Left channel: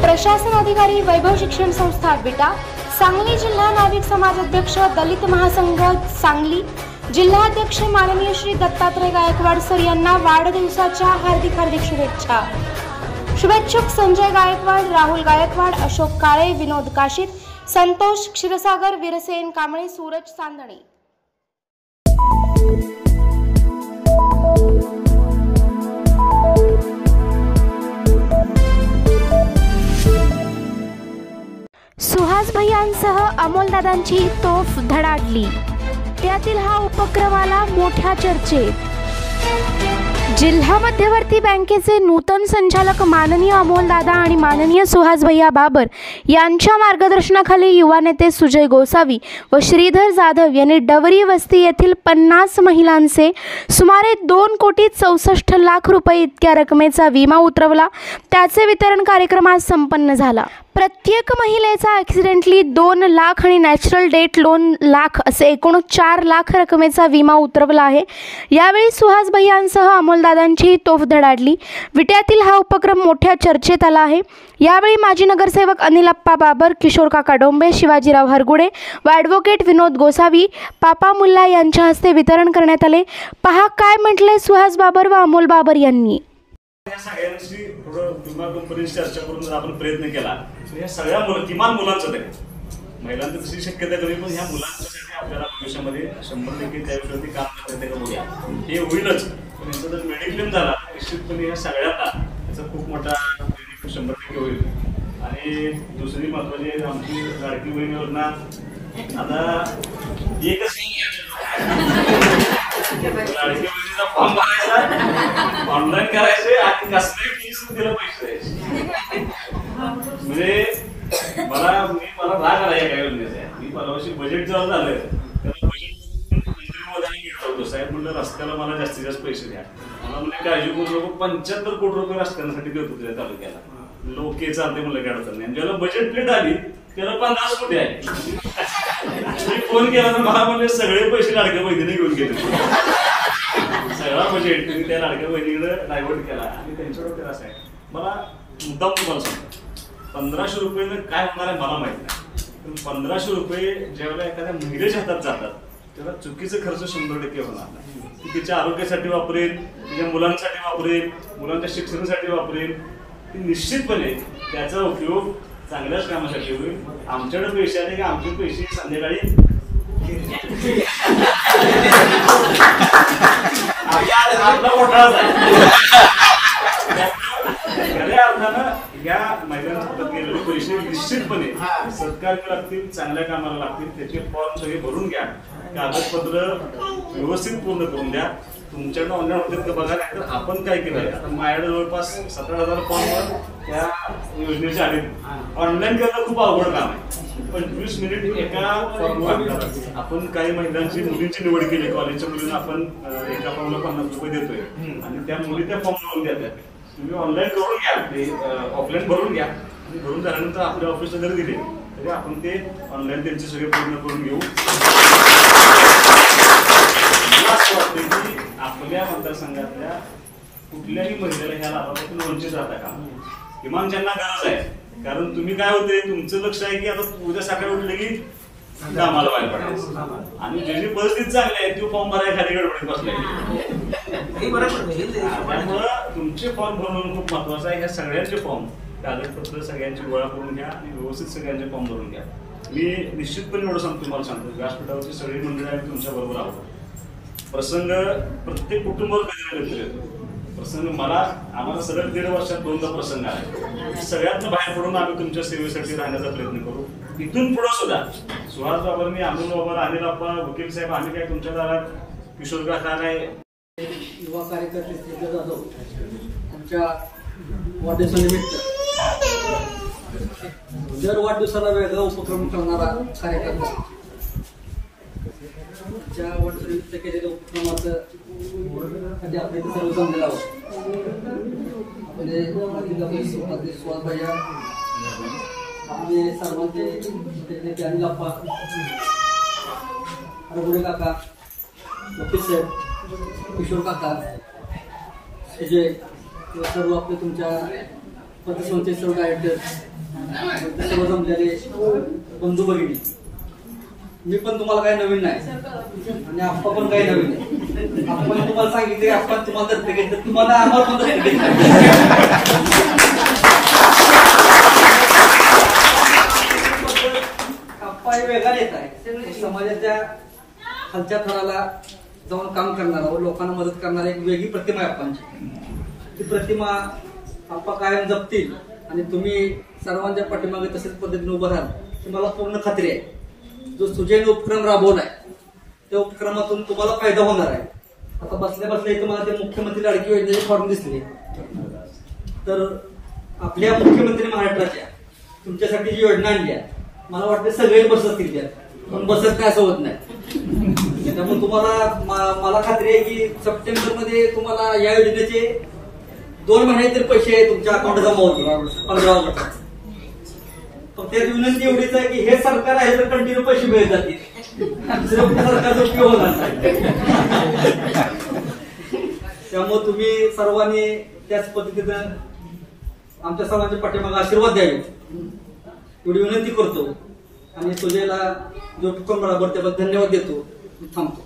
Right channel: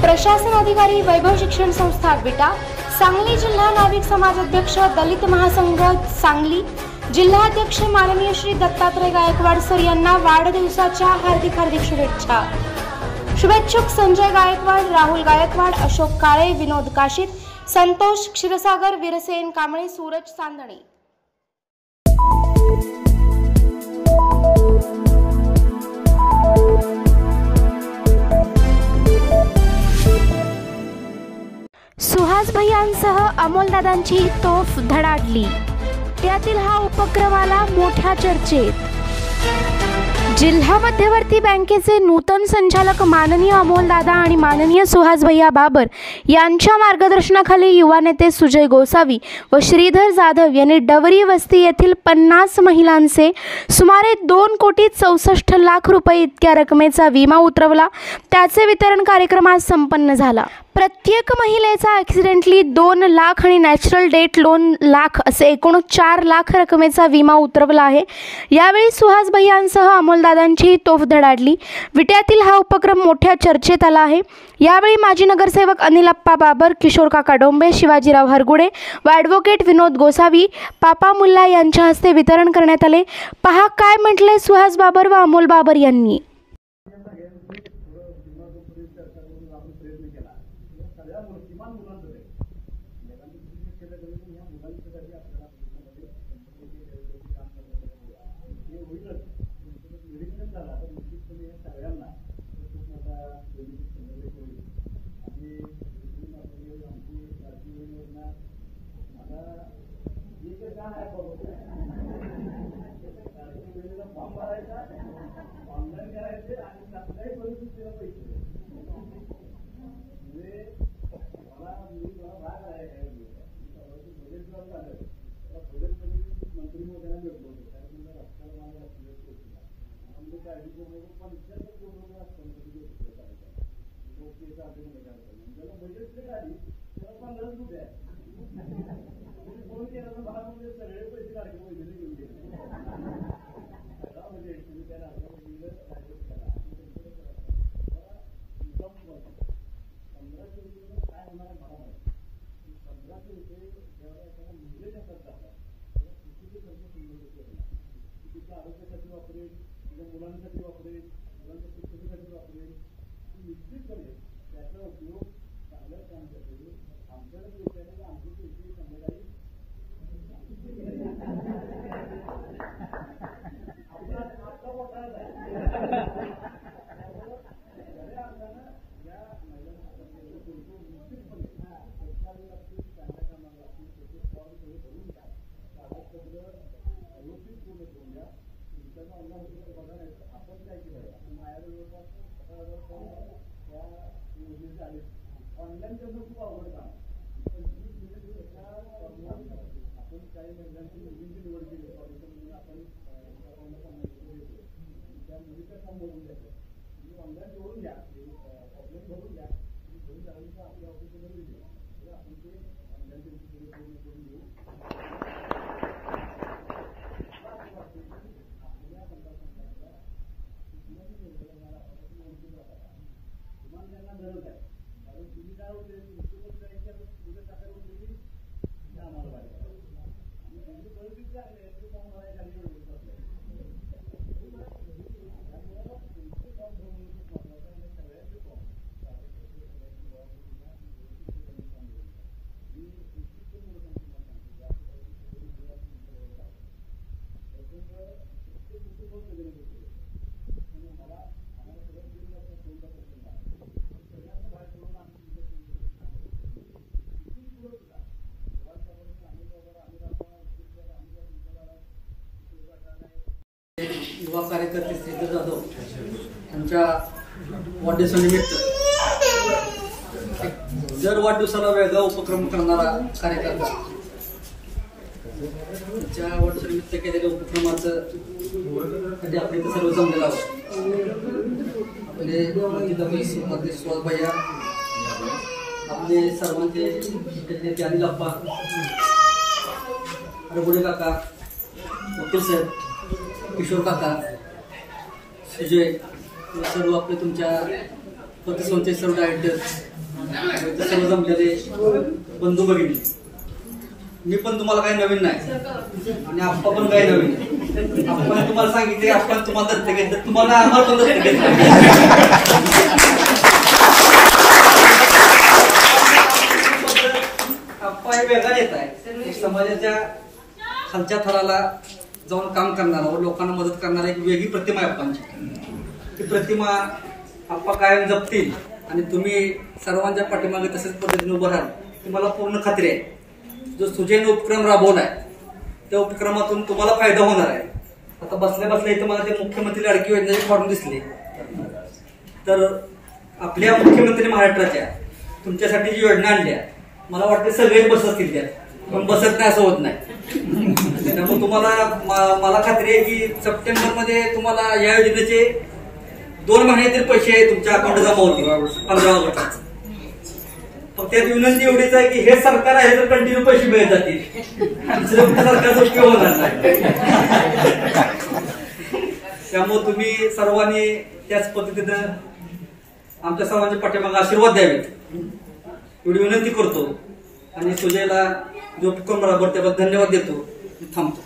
प्रशासन अधिकारी वैभव शिक्षण संस्था विटा, सांगली जिल्हा नाविक समाज अध्यक्ष दलित महासंघ सांगली, जिल्हाध्यक्ष माननीय श्री दत्तात्रय गायकवाड सर यांना वाढदिवसाच्या हार्दिक शुभेच्छा। शुभेच्छुक संजय गायकवाड, राहुल गायकवाड, अशोक काळे, विनोद काशीत, संतोष क्षीरसागर, वीरसेन कांबळे, सूरज चांदणे। सुहास भैयांसह अमोलदादांची तोफ धडाडली, त्यातील हा उपक्रम आला मोठ्या चर्चेत। जिल्हा मध्यवर्ती बँकेचे नूतन संचालक माननीय अमोलदादा आणि माननीय सुहास भैया बाबर यांच्या मार्गदर्शनाखाली युवा नेते सुजय गोसावी व श्रीधर जाधव यांनी डवरी वस्ती येथील 50 महिलांचे सुमारे 2,64,00,000 रुपये इतक्या रकमेचा विमा उतरवला। त्याचे वितरण कार्यक्रम आज संपन्न झाला। प्रत्येक महिलेचा ॲक्सिडेंटली 2 लाख आणि नॅचरल डेथ लोन लाख असे एकूण 4 लाख रकमेचा विमा उतरवला आहे। यावेळी सुहास भैयांसह अमोलदादांची तोफ धडाडली। विट्यातील हा उपक्रम मोठ्या चर्चेत आला आहे। यावेळी माजी नगरसेवक अनिलप्पा बाबर, किशोर काका डोंबे, शिवाजीराव हरगुडे व ॲडव्होकेट विनोद गोसावी, पापा मुल्ला यांच्या हस्ते वितरण करण्यात आले। पहा काय म्हटले सुहास बाबर व अमोल बाबर यांनी। चर्चा करून आपण प्रयत्न केला या सगळ्या किमान मुलांचं तरी महिलांचं तशी शक्यता कमी, पण ह्या मुलांच्यासाठी आपल्याला भविष्यामध्ये 100% त्या विषयावरती काम करता येतं बघूया। हे होईलच, पण यांचा जर मेडिक्लेम झाला तर निश्चितपणे या सगळ्यांना याचा खूप मोठा बेनिफिट 100% होईल। आणि दुसरी महत्त्वाची आमची लाडकी बहिणीवरना आता एकच लाडकी बहिणीचा फॉर्म भरायचा, ऑनलाईन करायचे आणि कसल्याही फीस दिला पैसे द्यायचे। म्हणजे मला राग आला या काय योजनेचा। मी परवाशी बजेट जेव्हा झालं त्याला बजेट मंत्री महोदयांनी घेतलं होतं, साहेब म्हणलं रस्त्याला मला जास्तीत जास्त पैसे द्या। मला म्हणजे काळजी करू नको, 75 कोटी रुपये रस्त्यांसाठी देत होते त्या तालुक्याला। लोक चालते म्हणलं काय अडचण नाही। ज्याला बजेट प्लेट आली त्याला 50 कोटी आहे। मी फोन केला तर मला म्हणजे सगळे पैसे लाडक्या बहिणीने घेऊन गेले, सगळा बजेट तुम्ही त्या लाडक्या बहिणीकडे डायव्हर्ट केला। आणि त्यांच्याकडे असं आहे, मला मुद्दाम तुम्हाला सांगतो 1500 रुपये काय होणार आहे मला माहित नाही, पण 1500 रुपये ज्यावेळेला एखाद्या महिलेच्या हातात जातात तेव्हा चुकीचा खर्च 100% होणार नाही। ती तिच्या आरोग्यासाठी वापरेल, तिच्या मुलांसाठी वापरेल, मुलांच्या शिक्षणासाठी वापरेल, ती निश्चितपणे त्याचा उपयोग चांगल्याच कामासाठी होईल। आमच्याकडे पैसे आले की आमचे पैसे संध्याकाळी आपला घोटाळाच आहे। खऱ्या अर्थानं या महिलांच्या हातात गेलेले पैसे निश्चितपणे सत्कार्य लागतील, चांगल्या कामाला लागतील। त्याचे फॉर्म सगळे भरून घ्या, कागदपत्र व्यवस्थित पूर्ण करून द्या। तुमच्याकडे ऑनलाईन होते का बघा, नाही तर आपण काय केलंय आता माझ्याकडे जवळपास 17,000 फॉर्मवर त्या योजनेच्या आले। ऑनलाईन करणं खूप अवघड काम आहे, 25 मिनिट एका फॉर्मवर लागतात। आपण काही महिलांची मुलींची निवड केली, कॉलेजच्या मुलींना आपण एका फॉर्मला 50 रुपये देतोय आणि त्या मुली त्या फॉर्म भरून देतात। तुम्ही ऑनलाईन करून घ्या, ते ऑफलाईन भरून घ्या आणि भरून झाल्यानंतर आपल्या ऑफिसला जरी दिले तरी आपण ते ऑनलाईन त्यांचे सगळे पूर्ण करून घेऊ। असं वाटतं की आपल्या मतदारसंघातल्या कुठल्याही महिलेला ह्या लाभापासून वंचित राहता का, किमान ज्यांना गरज आहे। कारण तुम्ही काय होते, तुमचं लक्ष आहे की आता उद्या सकाळी उठले की कामाला बाहेर पडायचं आणि ज्याची परिस्थिती चांगली आहे तो फॉर्म भरायला खाली गडबडीत बसलाय। त्यामुळं तुमचे फॉर्म भरून खूप महत्वाचं आहे। ह्या सगळ्यांचे फॉर्म कागदपत्र सगळ्यांची गोळा करून घ्या आणि व्यवस्थित सगळ्यांचे फॉर्म भरून घ्या। मी निश्चितपणे एवढं सांगतो, तुम्हाला सांगतो व्यासपीठावरची सगळी मंडळी आम्ही तुमच्या बरोबर आहोत। प्रसंग प्रत्येक कुटुंबावर कधी ना कधी येतो प्रसंग। आम्हाला सलग 1.5 वर्षात 2दा प्रसंग आले। सगळ्यातनं बाहेर पडून आम्ही तुमच्या सेवेसाठी राहण्याचा प्रयत्न करू। इथून पुढे सुद्धा सुहास बाबांनी, अमोल बाबा, अनिलप्पा, वकील साहेब, आम्ही काय तुमच्या दारात, किशोर काका काय युवा कार्यकर्ते श्रीधर जाधव यांच्या वाढदिवसानिमित्त दर वाढदिवसाला वेगळा उपक्रम करणारा कार्यकर्ता, ज्या वाढदिवसानिमित्त केलेल्या उपक्रमाचं कधी आपल्या इथे सर्व जमलेला आपले माजी नगरसेवक सुहास भैया, आपले सर्वांचे अनिलप्पा, हरगुडे काका, वकील साहेब, किशोर काका, सुजय व सर्व आपले तुमच्या पतसंस्थेचे सर्व डायरेक्टर सर्व जमलेले बंधू भगिनी, मी पण तुम्हाला काही नवीन नाही आणि आप्पा पण काही नवीन नाही. आपण तुम्हाला सांगितले आपण तुम्हाला दत्तक घेतलं, तुम्हाला आम्हाला पण दत्तक घेतलं. आप्पा हे वेगळा येत आहे, समाजाच्या खालच्या थराला जाऊन काम करणारा व लोकांना मदत करणारा एक वेगळी प्रतिमा आहे आप्पांची. ती प्रतिमा आप्पा कायम जपतील आणि तुम्ही सर्वांच्या पाठीमागे तसेच पद्धतीने उभं राहाल ही मला पूर्ण खात्री आहे. जो सुजैन उपक्रम राबवला आहे त्या उपक्रमातून तुम्हाला फायदा होणार आहे. आता बसल्या बसल्या इथं मला ते मुख्यमंत्री लाडकी योजनेचे फॉर्म दिसले, तर आपल्या मुख्यमंत्री महाराष्ट्राच्या तुमच्यासाठी जी योजना आणली आहे मला वाटते सगळेच बसतील त्यात, पण बसत नाही असं होत नाही. त्यामुळे तुम्हाला मला खात्री आहे की सप्टेंबर मध्ये तुम्हाला या योजनेचे 2 महिने तरी पैसे तुमच्या अकाउंट जमा होतील 15 ऑगस्ट. फक्त त्यात विनंती एवढीच आहे की हे सरकार आहे तर कंटिन्यू पैसे मिळत जातील, दुसऱ्या सरकारचा उपयोग होणार नाही. त्यामुळे तुम्ही सर्वांनी त्याच पद्धतीनं आमच्या सर्वांच्या पाठीमागे आशीर्वाद द्यावे एवढी विनंती करतो आणि सुजयला जो उपक्रम राबवतो त्याबद्दल धन्यवाद देतो. थांबतो.